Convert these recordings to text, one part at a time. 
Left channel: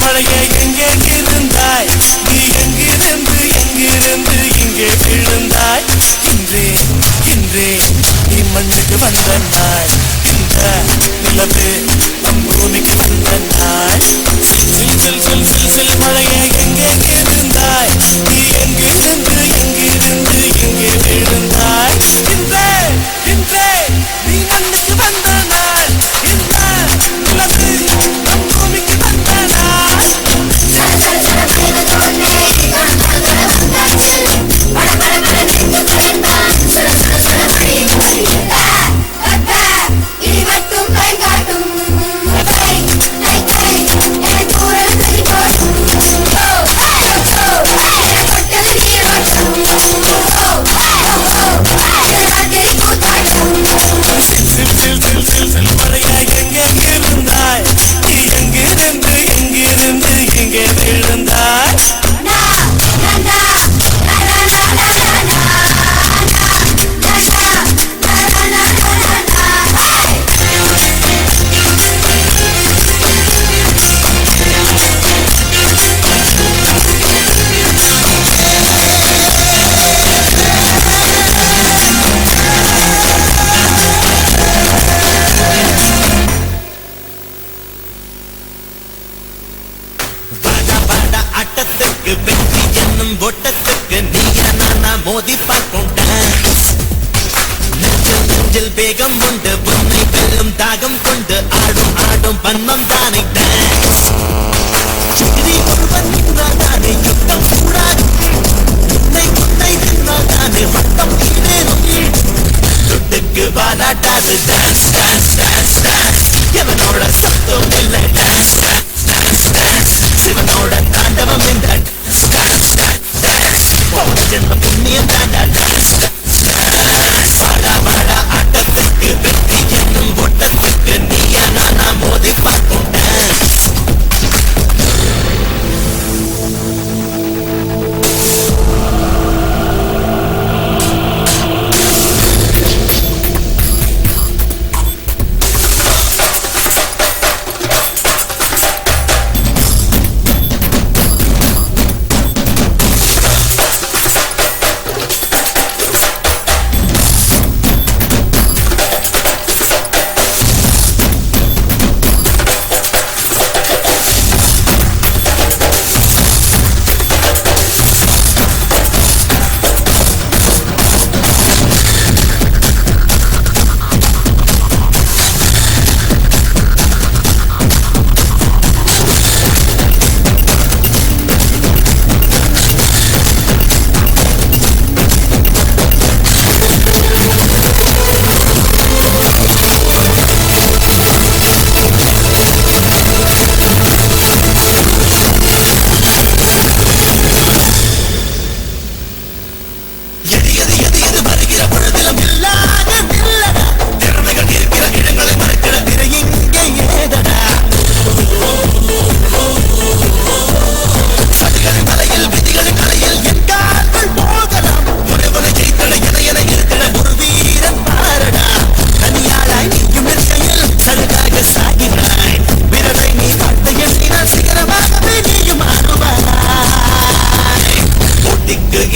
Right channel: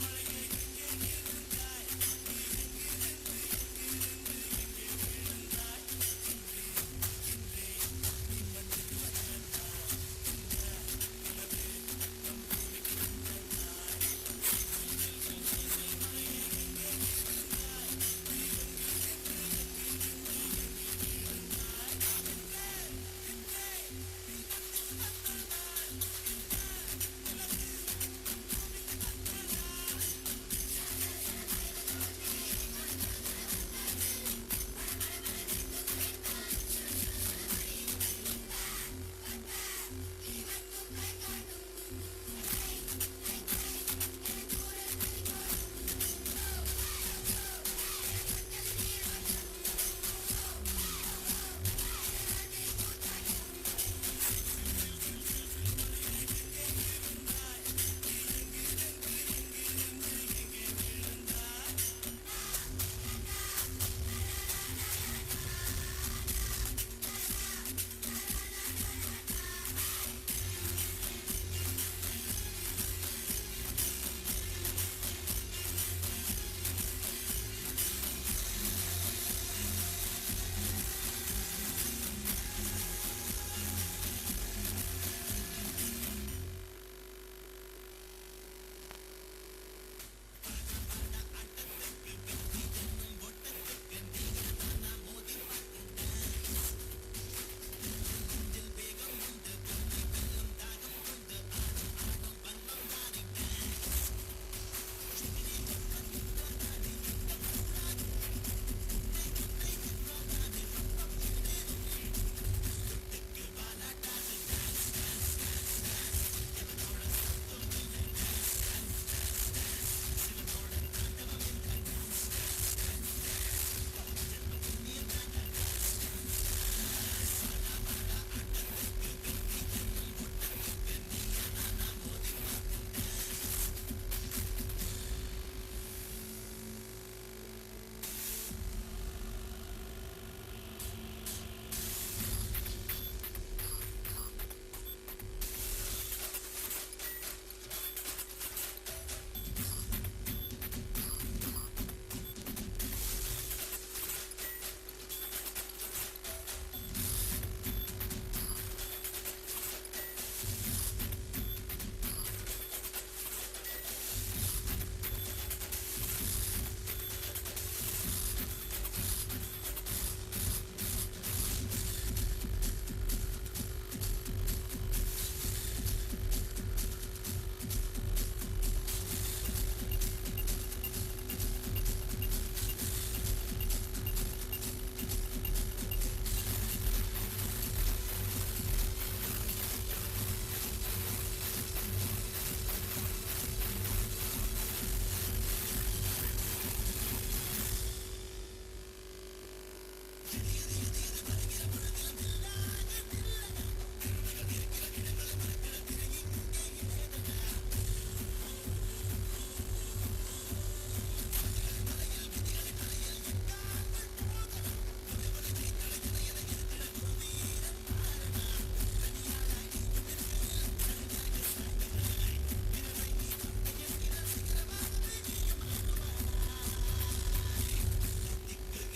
மழையே எங்கே இருந்தாய் நீ எங்கிருந்து இங்கே விழுந்தாய் இன்றே இன்றே நீ மண்ணுக்கு வந்த நாள் இந்த நிலவு நம் பூமிக்கு வந்த நாள் மழையே எங்கே இருந்தாய் நீ எங்கிருந்து இங்கே விழுந்தாய் இன்றே இன்றே நீ மண்ணுக்கு வந்த நாள் இந்த நிலவு நம் பூமிக்கு வந்த நாள் Yeah. நெஞ்சில் வேகம் உண்டு உன்னை வெல்லும் தாகம் கொண்டு ஆடும் ஆடும் பன்மம் தானே டான்ஸ் எதிரி ஒருவன் நின்றால் தானே யுத்தம் கூடாது உன்னை உன்னை நின்றால் தானே வட்டம் ஈடேறும் துட்டுக்கு பாராட்டாது டான்ஸ் டான்ஸ் டான்ஸ் டான்ஸ் எவனோட சத்தம் இல்லை டான்ஸ் டான்ஸ் டான்ஸ் சிவனோட தாண்டவம் இந்த டான்ஸ் டான்ஸ் டான்ஸ் போன ஜென்ம புண்ணியம் தாண்டா டான்ஸ் வாடா வாடா ஆட்டத்துக்கு வெற்றி என்னும் ஓட்டத்துக்கு நீயா நானா மோதி பார்க்கும் டான்ஸ்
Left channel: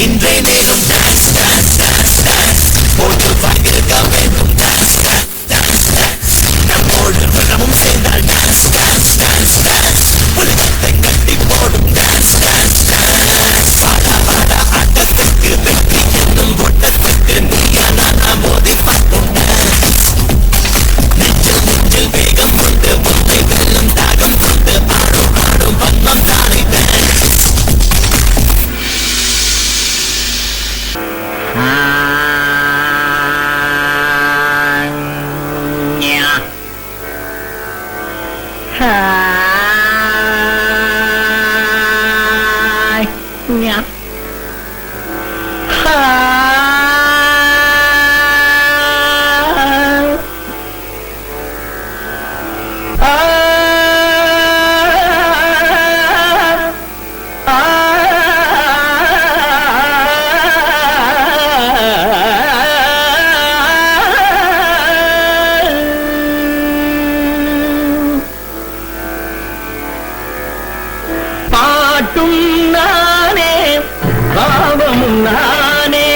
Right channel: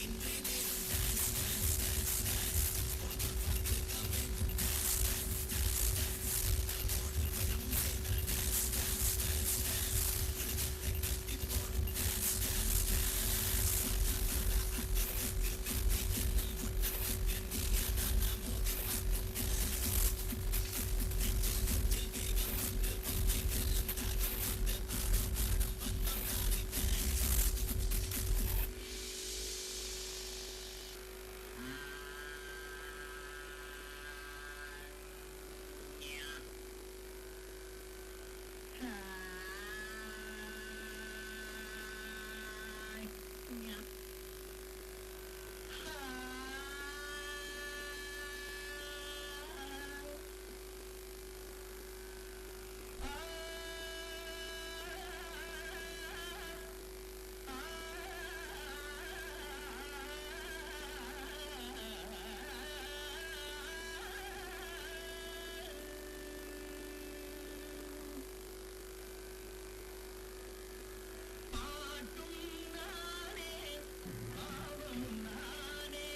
இன்றே நேரும் டான்ஸ் டான்ஸ் டான்ஸ் டான்ஸ் போட்டு வாங்கிருக்க வேண்டும் டான்ஸ் டான்ஸ் டான்ஸ் நம்மோடு மனமும் சேர்ந்தால் டான்ஸ் டான்ஸ் டான்ஸ் டான்ஸ் உலகத்தை கட்டி போடும் டான்ஸ் டான்ஸ் டான்ஸ் வாடா வாடா ஆட்டத்துக்கு வெற்றி என்னும் ஓட்டத்துக்கு நீயா நானா மோதி பார்க்கும் டான்ஸ் நெஞ்சில் நெஞ்சில் வேகம் கொண்டு உன்னை வெல்லும் தாகம் கொண்டு ஆடும் ஆடும் பன்மம் தானே டான்ஸ் பாட்டும் நானே பாவமும் நானே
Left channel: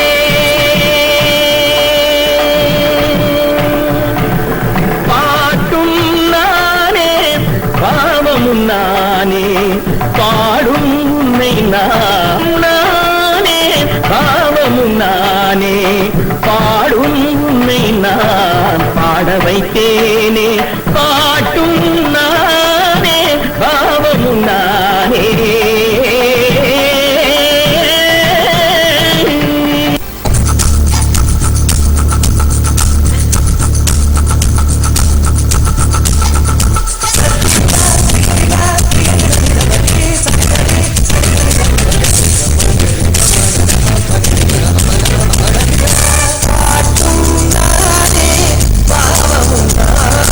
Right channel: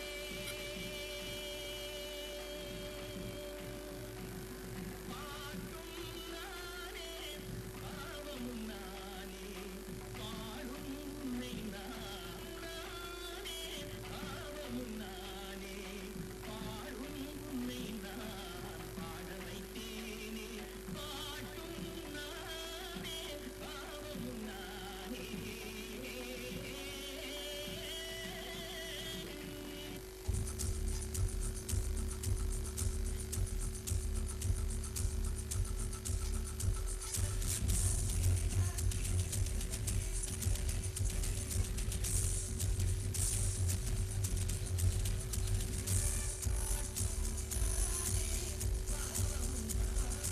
பாட்டும் நானே பாவமும் நானே பாடும் உன்னை நானே பாவமும் நானே பாடும் உன்னை நான் பாட வைத்தேனே பாட்டும் நானே பாவமும் நானே பாவமும் நானே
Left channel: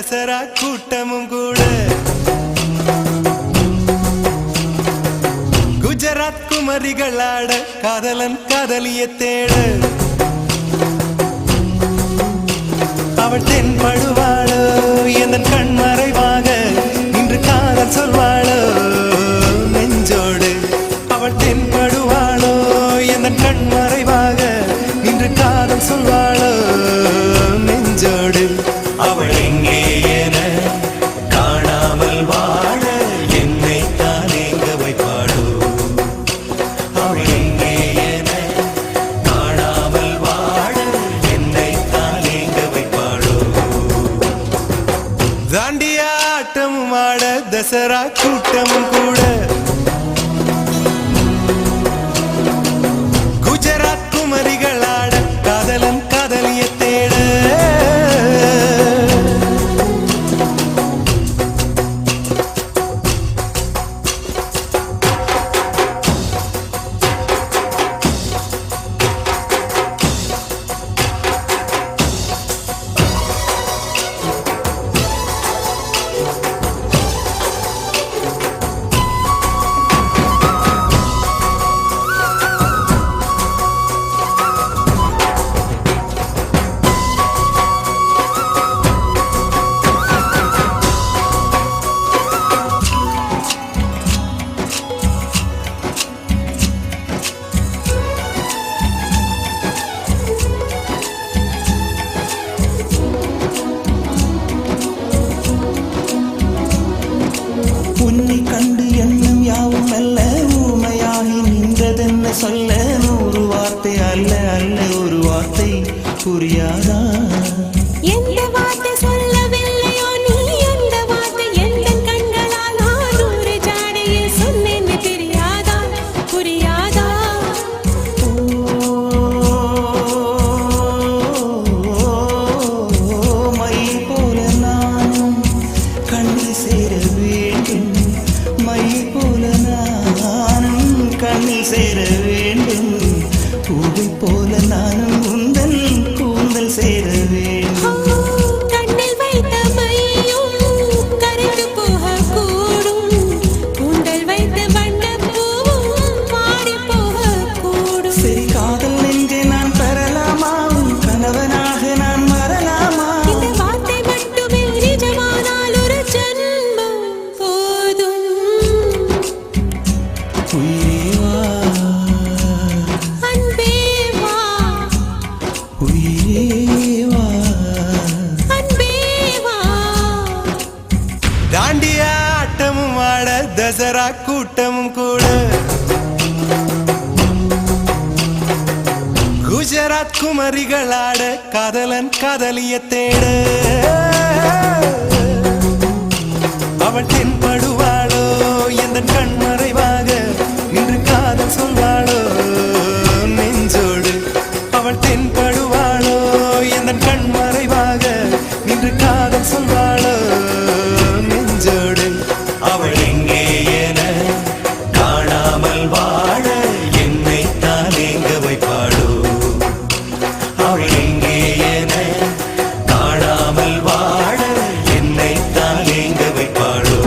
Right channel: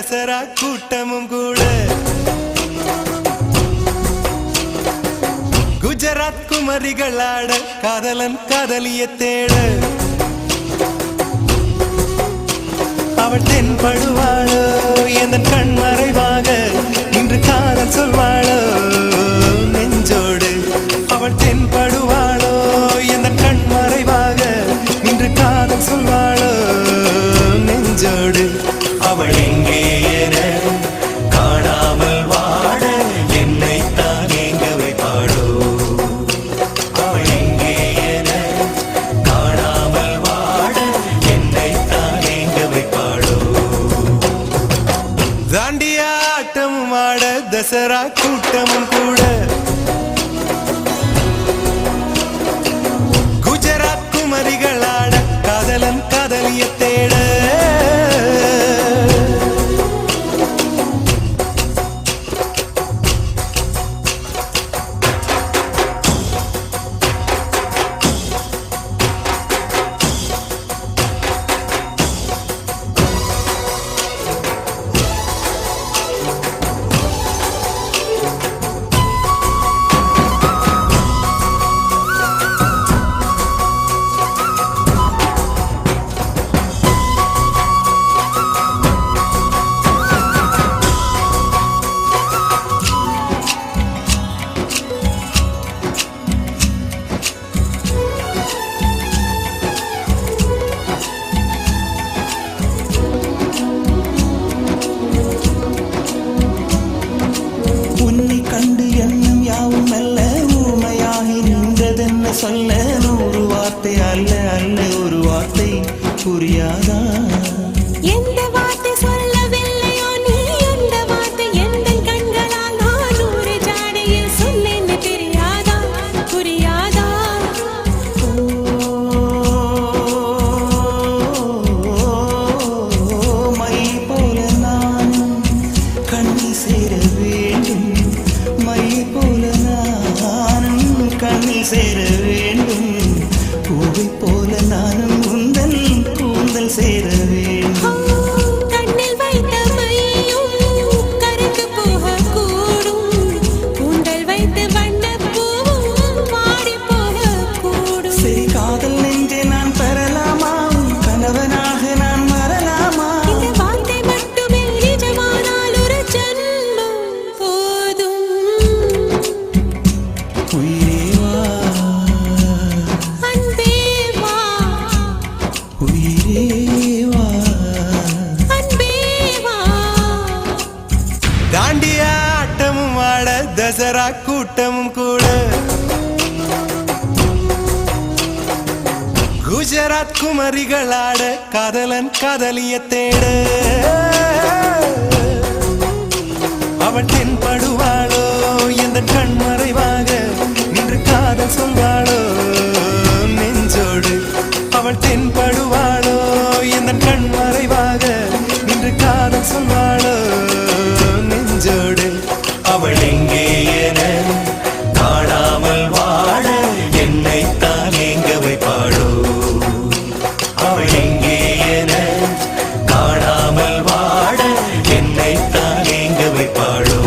தசரா கூட்டமும் கூட குஜராத் குமரிகளாட காதலன் காதலிய தேட அவள் தென்படுவாளோ எந்தன் கண் மறைவாக நின்று காதல் சொல்வாளோ நெஞ்சோடு அவள் தென்படுவாளோ எந்தன் கண் மறைவாக நின்று காதல் சொல்வாளோ நெஞ்சோடு அவள் எங்கே என காணாமல் வாட என்னை தான் எங்க வைப்பாளோ அவள் எங்கே என காணாமல் வாட என்னை தான் எங்க வைப்பாளோ தாண்டியா ஆட்டமும் ஆட தசரா கூட்டமும் கூட குஜராத் குமரிகளாட காதலன் காதலிய தேட உன்னை கண்டு எண்ணம் யாவும் அல்ல ஊமையாகி நின்றதென்ன சொல்ல 100 வார்த்தை அல்ல அல்ல ஒரு வார்த்தை புரியாதா எந்த வார்த்தை சொல்லவில்லையோ நீ அந்த வார்த்தை எந்த கண்களால் நான் 100 ஜாடையில் சொன்னேன்னு தெரியாதா புரியாதா மை போல நானும் கண்ணில் சேர வேண்டும் மை போல நானும் கண்ணில் சேர வேண்டும் பூவை போல நானும் உந்தன் கூந்தல் சேர வேண்டும் கண்ணில் வைத்த மையும் கரைந்து போக கூடும் கூந்தல் வைத்த வண்ணப்பூவும் வாடி போக கூடும் சரி காதல் நெஞ்சை நான் பெறலாமா கணவனாக நான் மறலாமா இந்த வார்த்தை மட்டுமே நிஜமானால் ஒரு ஜன்மம் போதும் உயிரே வா அன்பே வா உயிரே வா அன்பே வா தாண்டியா ஆட்டமும் ஆட தசரா கூட்டமும் கூட குஜராத் குமரிகளாட காதலன் காதலிய தேட அவள் தென்படுவாளோ எந்தன் கண் மறைவாக நின்று காதல் சொல்வாளோ நெஞ்சோடு அவள் தென்படுவாளோ எந்தன் கண் மறைவாக நின்று காதல் சொல்வாளோ நெஞ்சோடு அவள் எங்கே என காணாமல் வாட என்னை தான் எங்க வைப்பாளோ அவள் எங்கே என காணாமல் வாட என்னை தான் எங்க வைப்பாளோ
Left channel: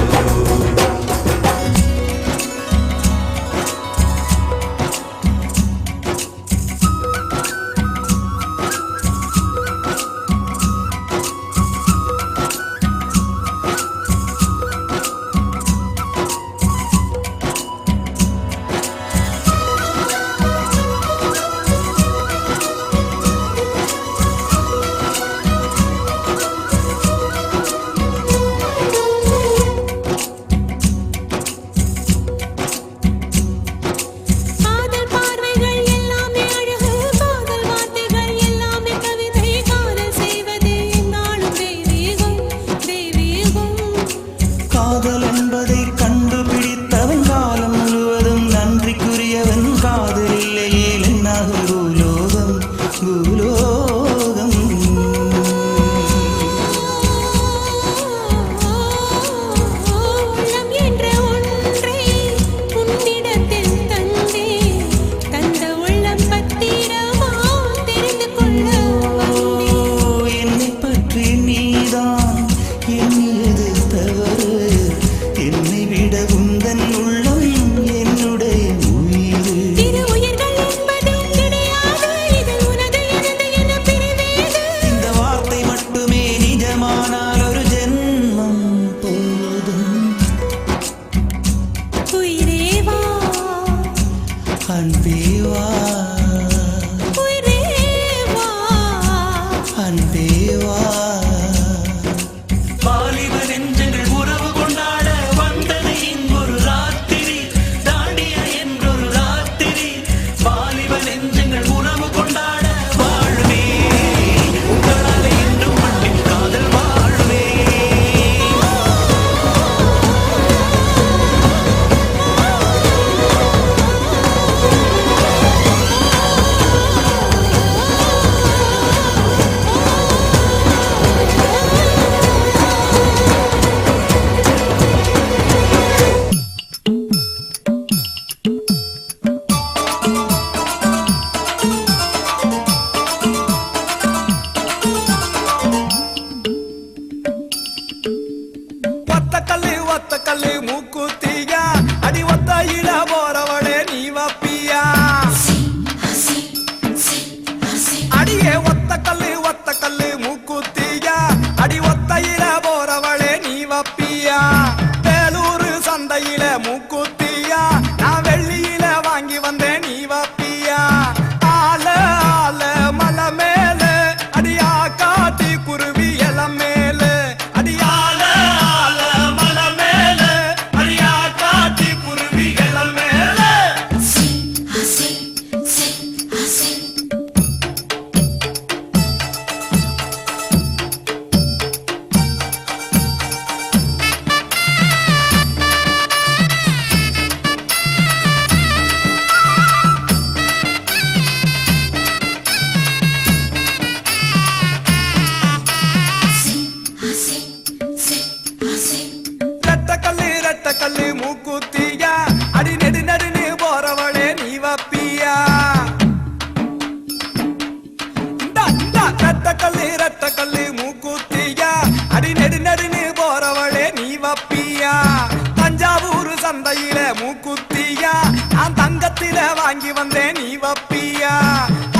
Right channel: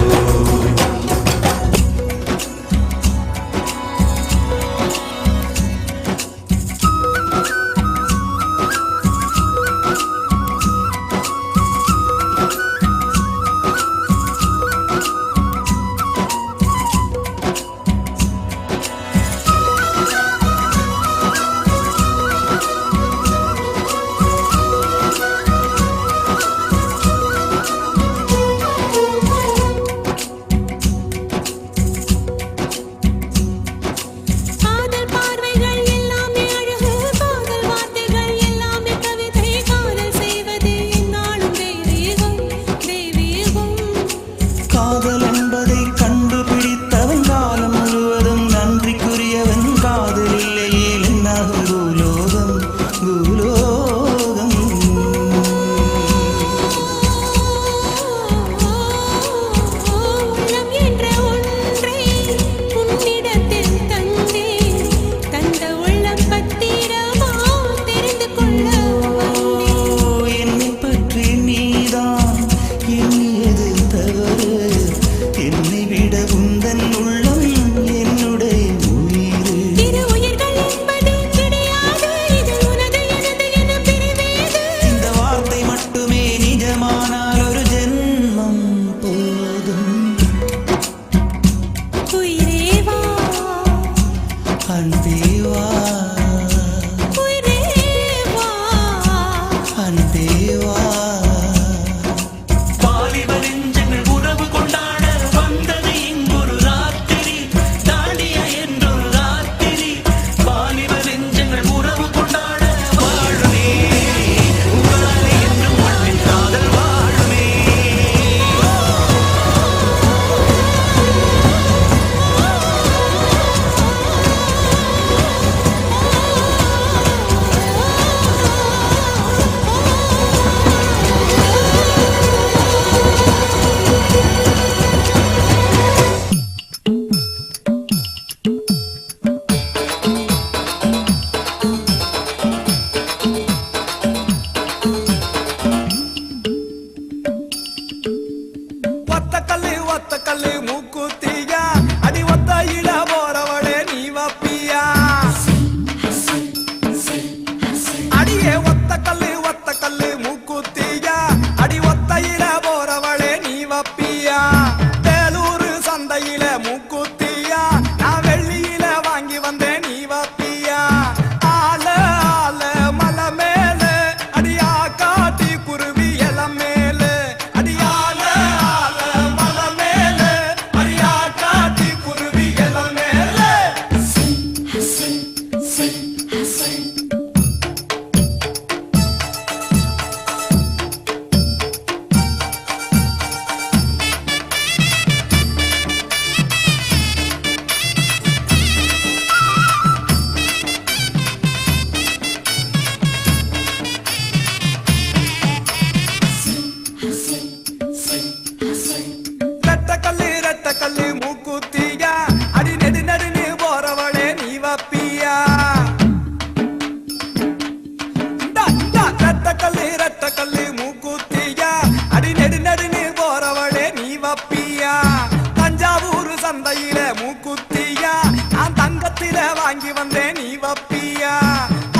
சந்தையில மூக்குத்தியா நான் தங்கத்தில வாங்கி வந்தேன் நீ வப்பியா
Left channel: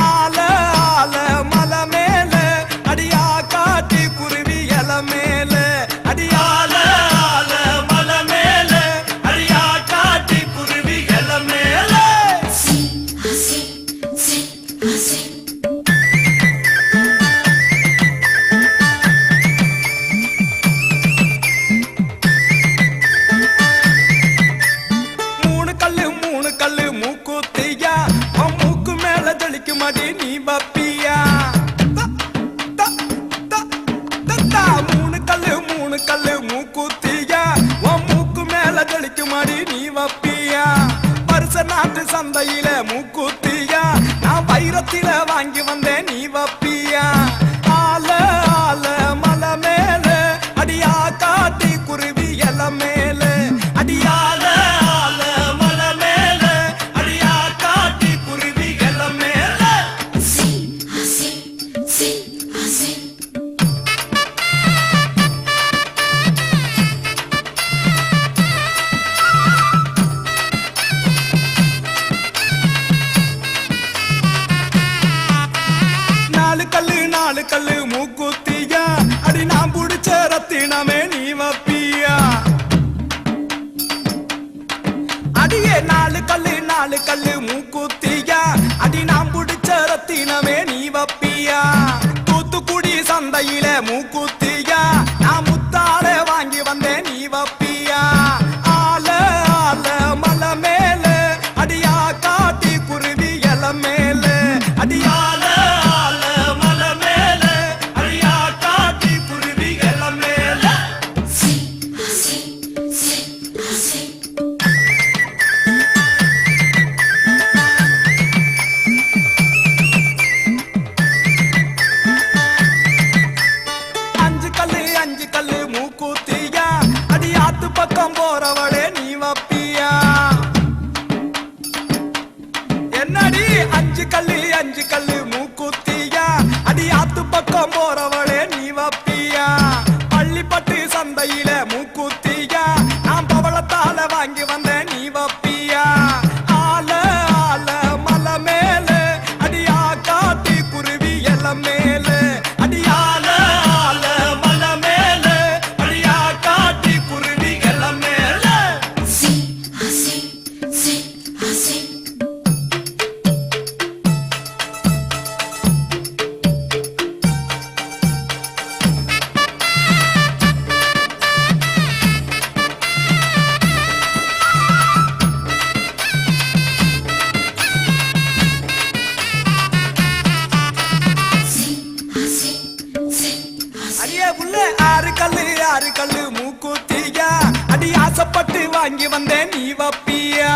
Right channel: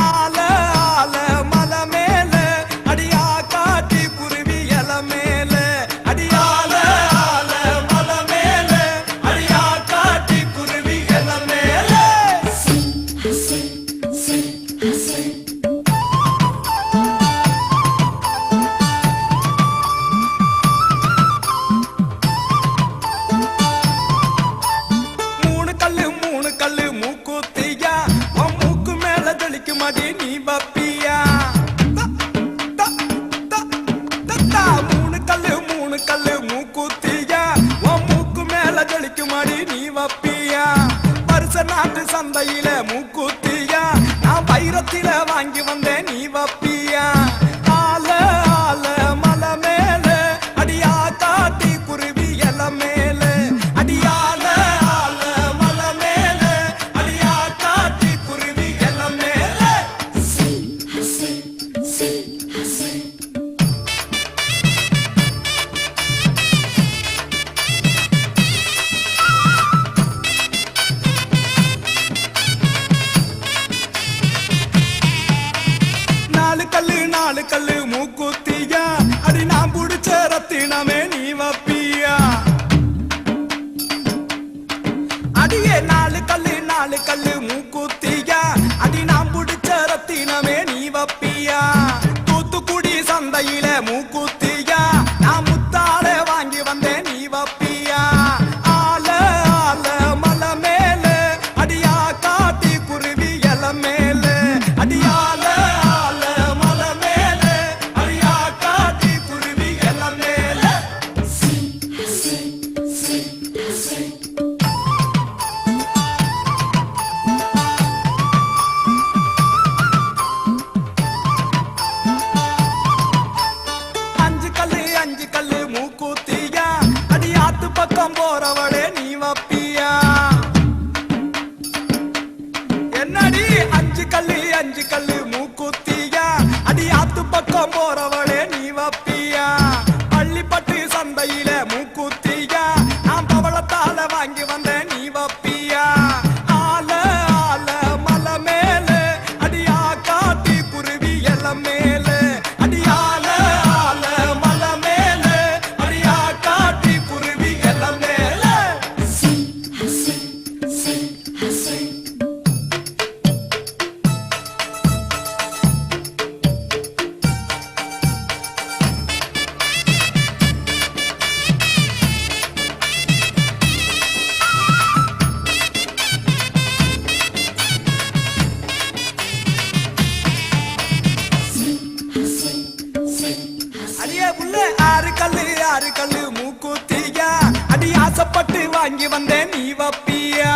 ஆல ஆல மலை மேல அடியா காட்டி குருவி இல மேல அடியால ஆல மலை மேல அடியா காட்டி குருவி இல மேல மூணு கல்லு மூக்குத்தியா உன் மூக்கு மேல தெளிக்கும் அடி நீ வப்பியா மூணு கல்லு மூக்குத்தியா உன் மூக்கு மேல தெளிக்கும் அடி நீ வப்பியா வருஷ நாட்டு சந்தையில மூக்குத்தியா நான் வைரத்தில வாங்கி வந்தேன் நீ வப்பியா ஆல ஆல மலை மேல அடியா காட்டி குருவி இல மேல அடியால நாலு கல்லு மூக்குத்தியா அடி நான் புடிச்ச ரத்தினமே நீ வப்பியா அடியே நாலு கல்லு மூக்குத்தியா அடி நான் புடிச்ச ரத்தினமே நீ வப்பியா தூத்துக்குடி சந்தையில மூக்குத்தியா நான் முத்தால வாங்கி வந்தேன் நீ வப்பியா ஆல ஆல மலை மேல அடியா காட்டி குருவி இல மேல அடியால அஞ்சு கல்லு மூக்குத்தியா அடி ஆத்து பக்கம் போறவளே நீ வப்பியா என்னடி அஞ்சு கல்லு மூக்குத்தியா அடி ஆத்து பக்கம் போறவளே நீ வப்பியா பள்ளிப்பட்டு சந்தையில மூக்குத்தியா நான் பவளத்தால வாங்கி வந்தேன் நீ வப்பியா ஆல ஆல மலை மேல அடியா காட்டி குருவி இல மேல அடியால ஆறு கல்லு மூக்குத்தியா அடி ஆசைப்பட்டு வாங்கி வந்தேன் நீ வப்பியா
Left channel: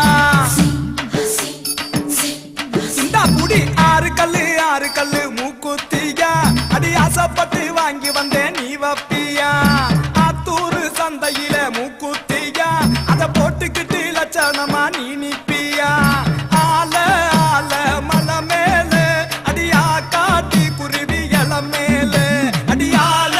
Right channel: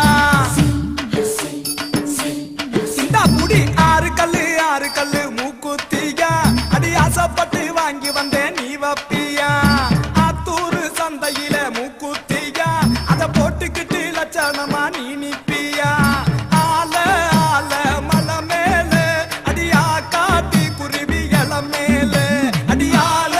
இந்த புடி ஆறு கல்லு மூக்குத்தியா அடி ஆசைப்பட்டு வாங்கி வந்தேன் நீ வப்பியா ஆத்தூர் சந்தையில மூக்குத்தியா அத போட்டுக்கிட்டு லட்சணமா நீ நிப்பியா ஆல ஆல மலை மேல அடியா காட்டி குருவி இல மேல அடியால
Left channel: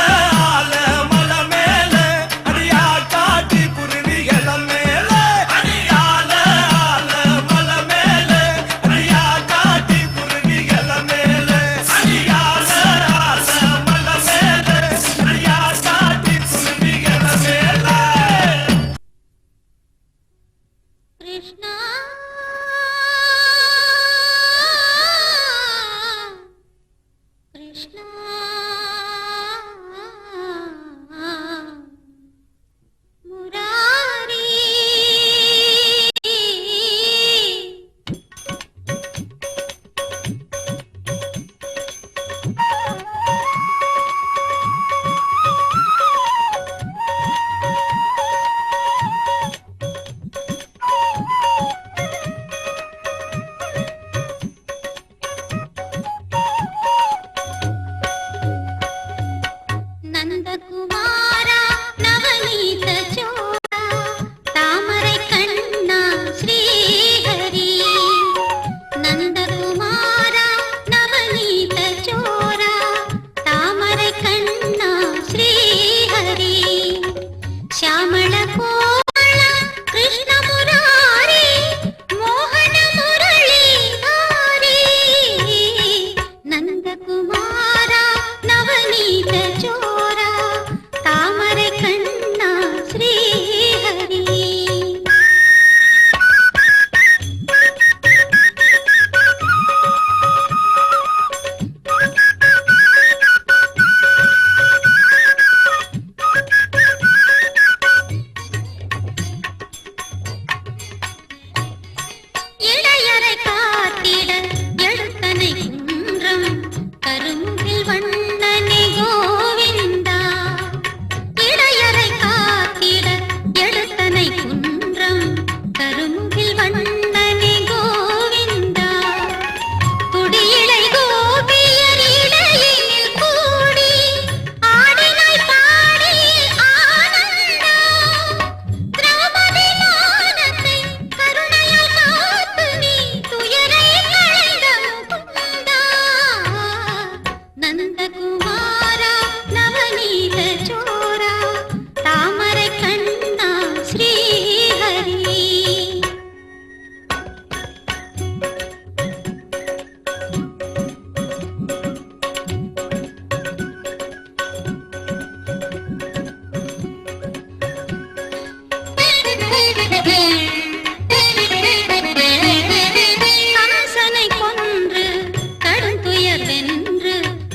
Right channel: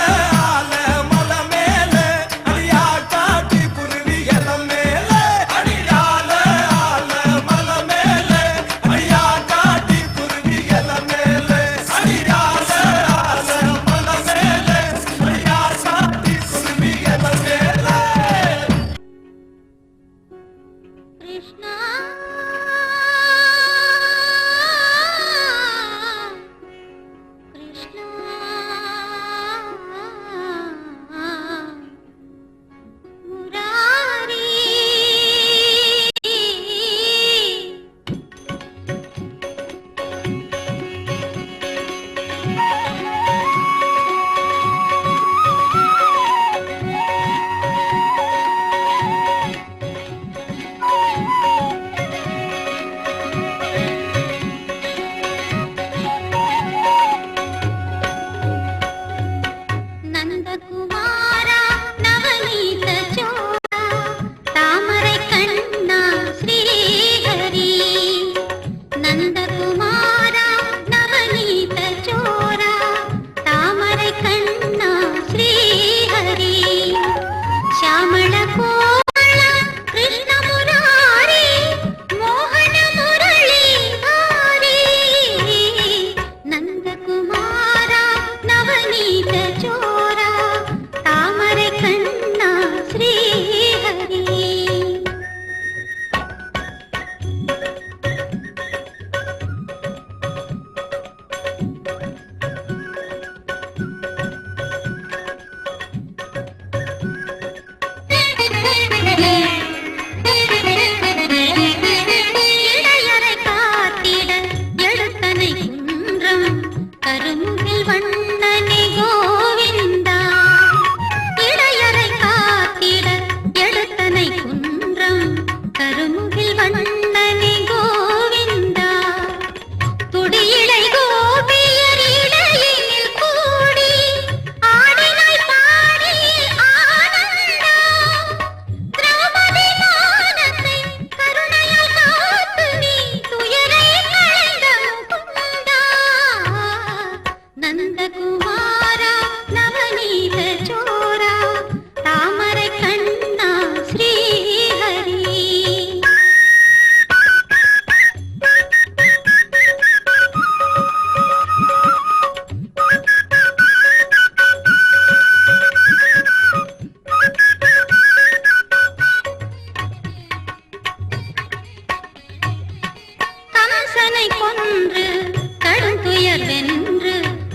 శ్యామళ కోమళ కృష్ణము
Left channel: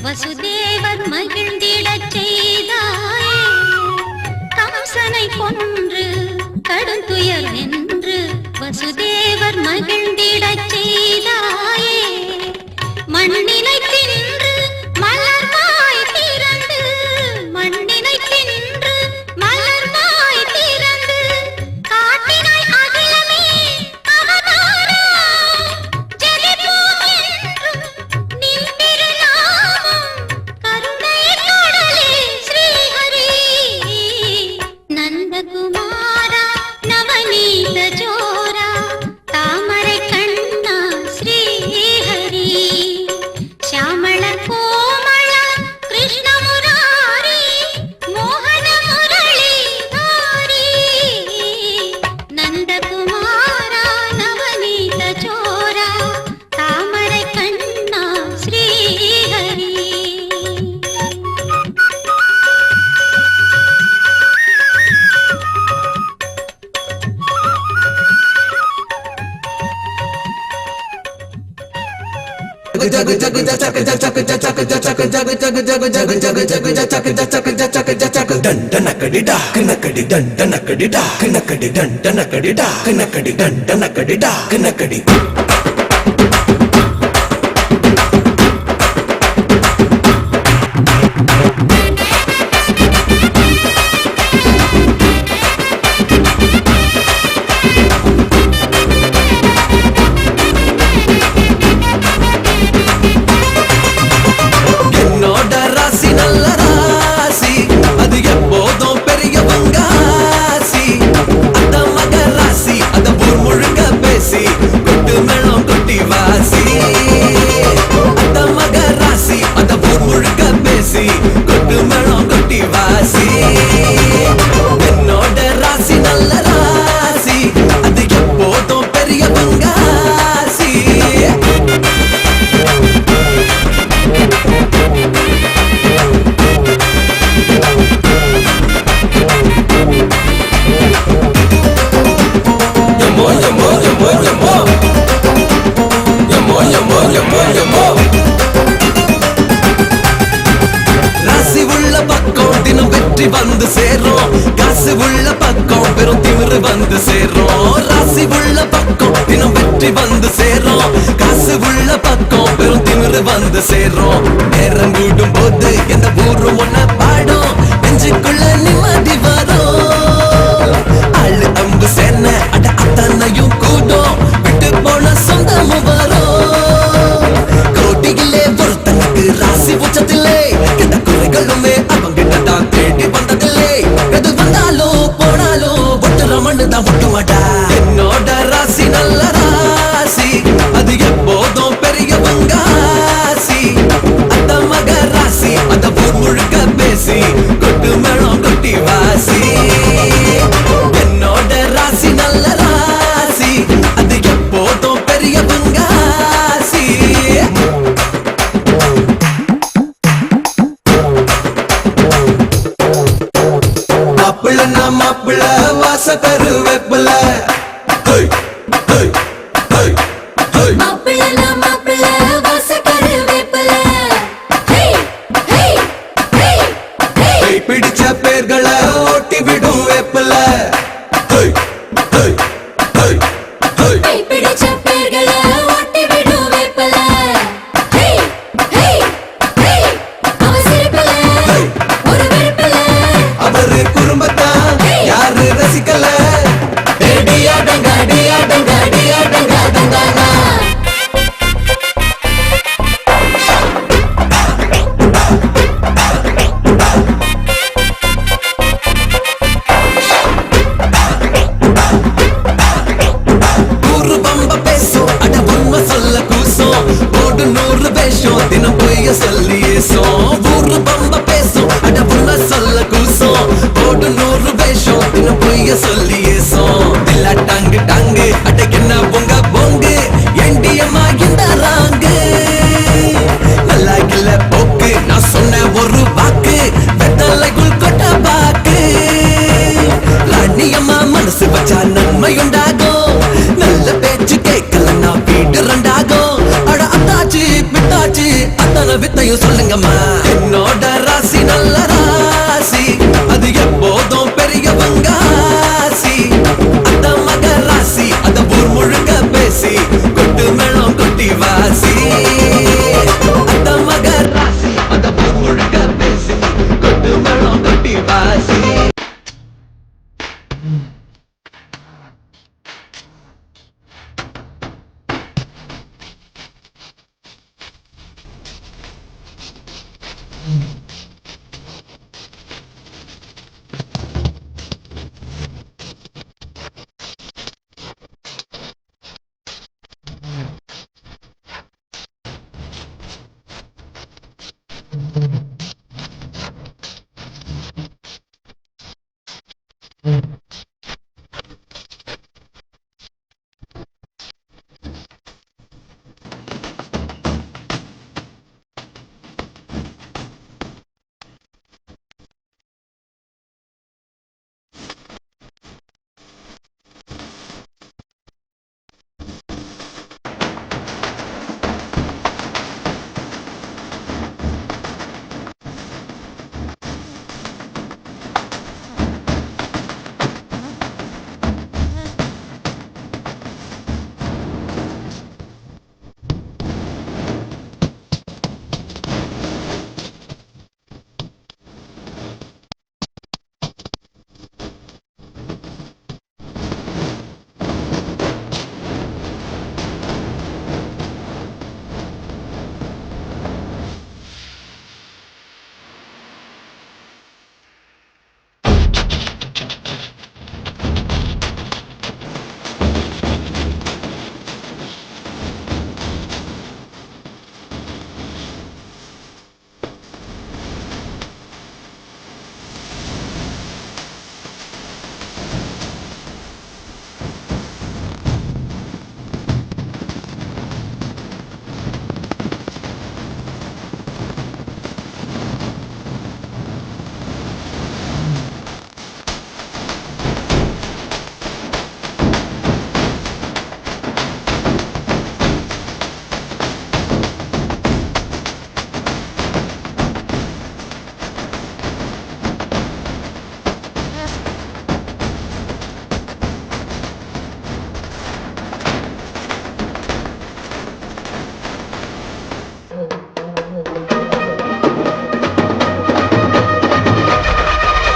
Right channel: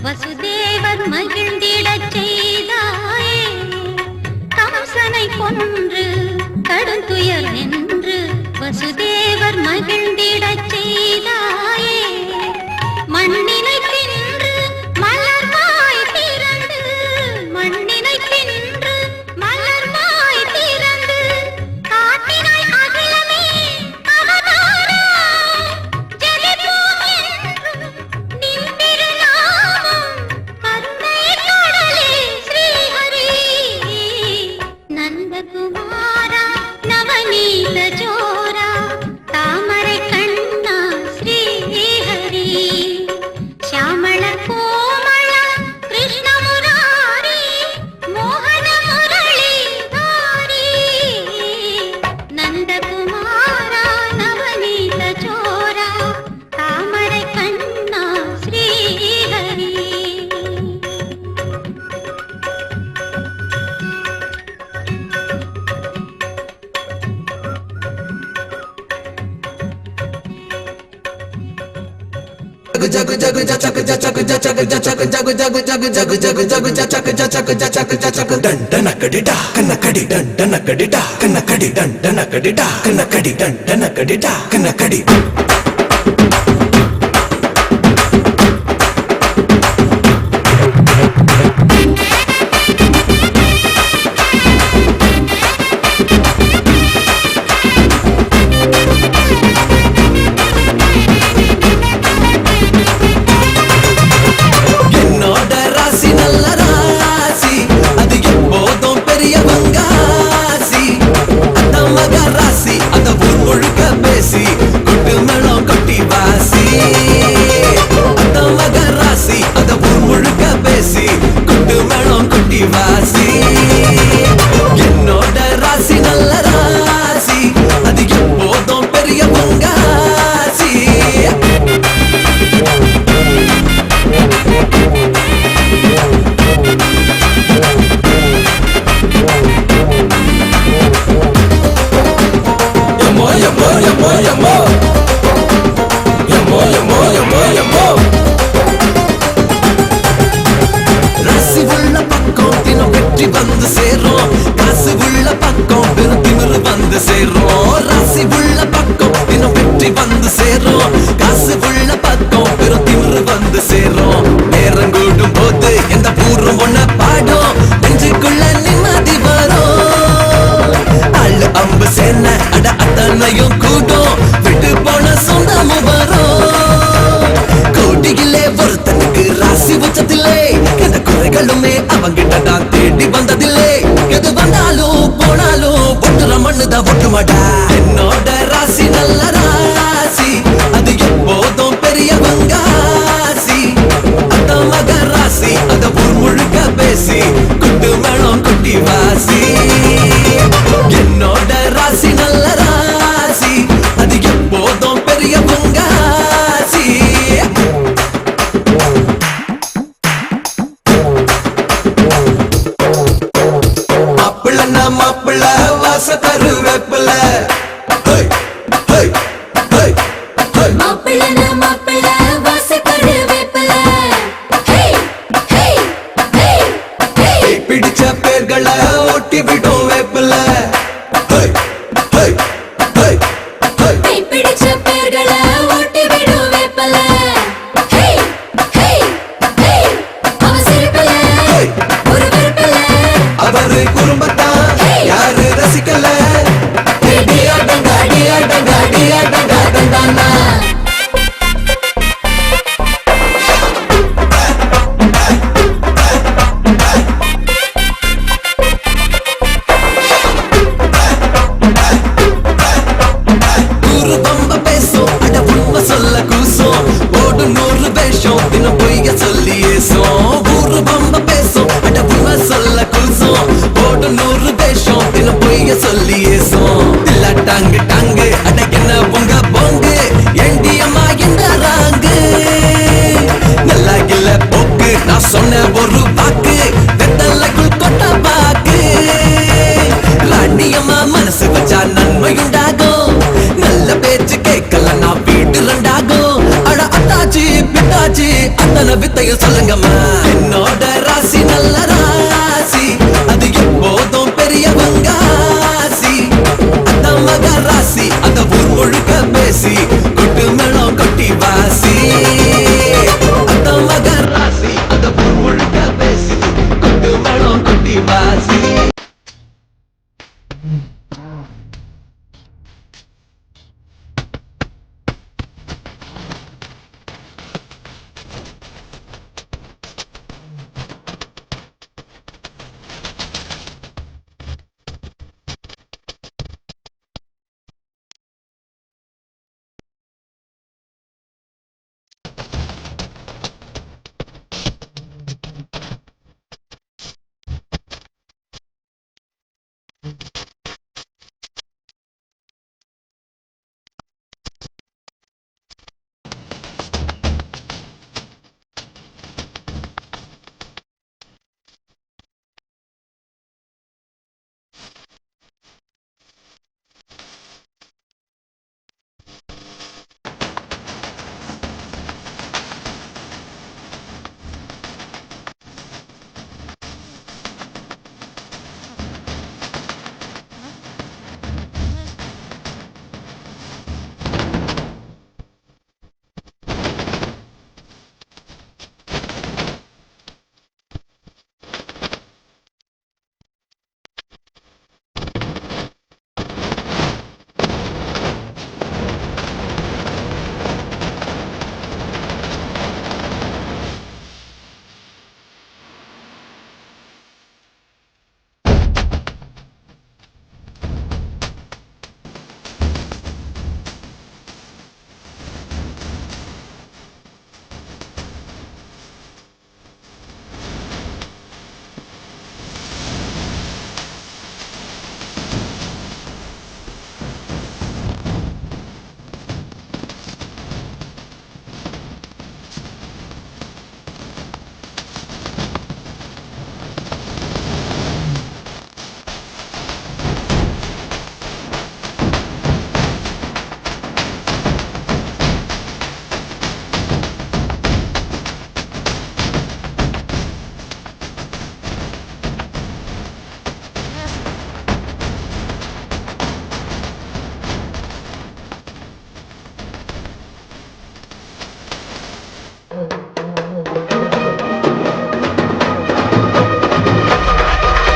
வசுதேவர் மகிழ்ந்திடச் செய்தாயே கம்சனை கொன்று கடுந்துயர் வென்று வசுதேவர் மகிழ்ந்திடச் செய்தாயே மண்ணினை தின்று மலர்வாய் திறந்து மண்ணினை தின்று மலர்வாய் திறந்து காட்டினாய் அகிலமே அவதாரா ஜெலிப்போம் என்றும் நின் திருநாமம் கருணை கடலே ஸ்ரீஹரி நந்தகுமாரா நவநீத ஜோரா தாமரை கண்ணா ஸ்ரீஹரி ಶ್ಯಾಮಳ ಕೋಮಳ ಕೃಷ್ಣ ಮುರಾರಿ ಮೋಹನ ಮುರಳಿ ಧಾರಿ ನಂದಕುಮಾರ ನವನೀತ ಚೋರ ತಾಮரை ಕಣ್ಣ ಶ್ರೀಹರಿ என்னோட ராசி நல்ல ராசி அது எப்போதும் பெரியவங்க ஆசி அந்த மக ராசி அத ஊர் முழுக்க பேசி கொட்டு மேளம் கொட்டி வாசி அந்த மக ராசி அத ஊர் முழுக்க பேசி கொட்டு மேளம் கொட்டி வாசி என்னோட ராசி நல்ல ராசி அது எப்போதும் பெரியவங்க ஆசி ராசி உள்ள பக்கம் தினம் வெற்றி வந்து சேரும் காசு உள்ள பக்கம் பெரும் திமிரு வந்து சேரும் ராசி உள்ள பக்கம் தினம் வெற்றி வந்து சேரும் காசு உள்ள பக்கம் பெரும் திமிரு வந்து சேரும் நேரம் கூடும் போது எந்த பூர்வம் ஒண்ணு பாடும் நெஞ்சுக்குள்ள நிம்மதி வரும் அள்ளு அம்பு சேன அட அத்தனையும் கூடும் விட்டு போன சொந்தமும் வரும் கோட்டியிலே ஒருத்தனுக்கு ராசி உச்சத்திலே எந்த குறைகளுமே அவங்கிட்ட நான் தேடி வந்ததில்லை எது வந்தாலும் போனாலும் ஒட்டுற மண்ணுதான் ஒட்டு மாட்டா என்னோட ராசி நல்ல ராசி அது எப்போதும் பெரியவங்க ஆசி அந்த மக ராசி அத ஊர் முழுக்க பேசி கொட்டு மேளம் கொட்டி வாசி என்னோட ராசி நல்ல ராசி அது எப்போதும் பெரியவங்க ஆசி மாப்பிள்ள வாச கருவேப்பில மாப்பிள்ள வாச கருவேப்பில பிடிச்ச பேர்களை ஓட்டி விடும் வேப்பில பிடிச்ச பேர்களை ஓட்டி விடும் வேப்பில அவசரப்பில ஒரு வெறுப்பில அவரு குடும்பத்தான் யாரு ரசிக்கல ஊரு பம்ப பேசும் அட உண்மை சொல்ல கூசும் ஓடு 100 வேஷம் தினம்